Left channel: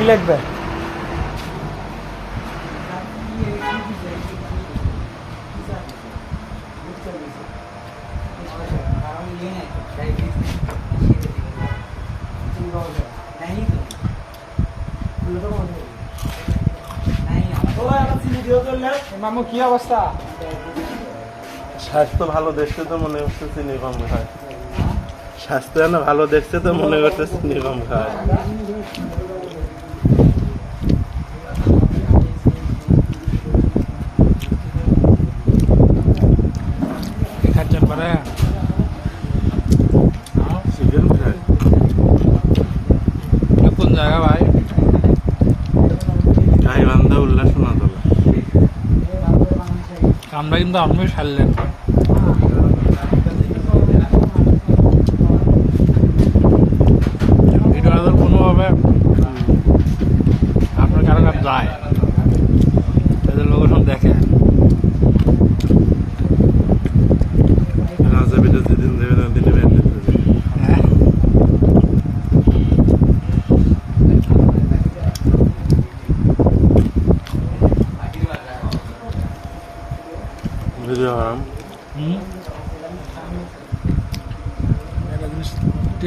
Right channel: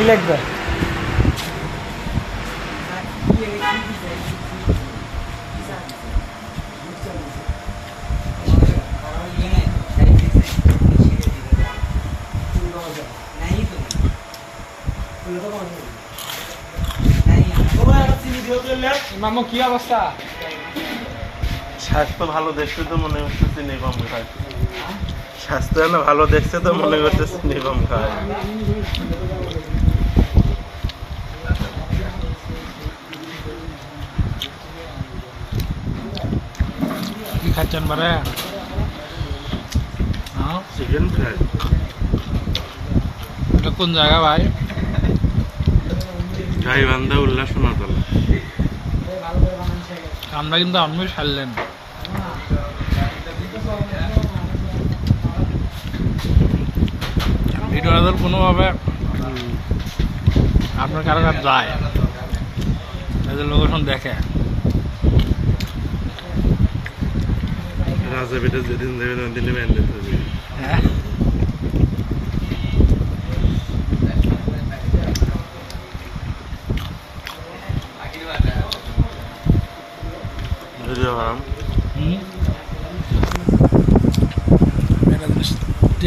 কি লাগবে? মামু কি অবস্থা? স্বাস্থ্য ভালো দেখছে তো মনে হচ্ছে চিনি কম খায়। স্বাস্থ্য না ভালো দেখছে তো মনে করছে চিনি কম খায়। কি খাচ্ছেন পরে? Chicken fry. এটা কোন জায়গা ভাই? গাইবান্ধা উল্লাসনাতলা। আমরা কিন্তু আপনি ছাড়লেন। ভিডিওটা কোনোভাবে আপনার কারো কাছে যায় তাদের লোকেশন দেখে। রাজা বেটা যেদিন দেবে না দিলে ব্যান্ডেজ হয়ে যাবে। হ্যাঁ ভিডিও বানাম। এটা জিনিস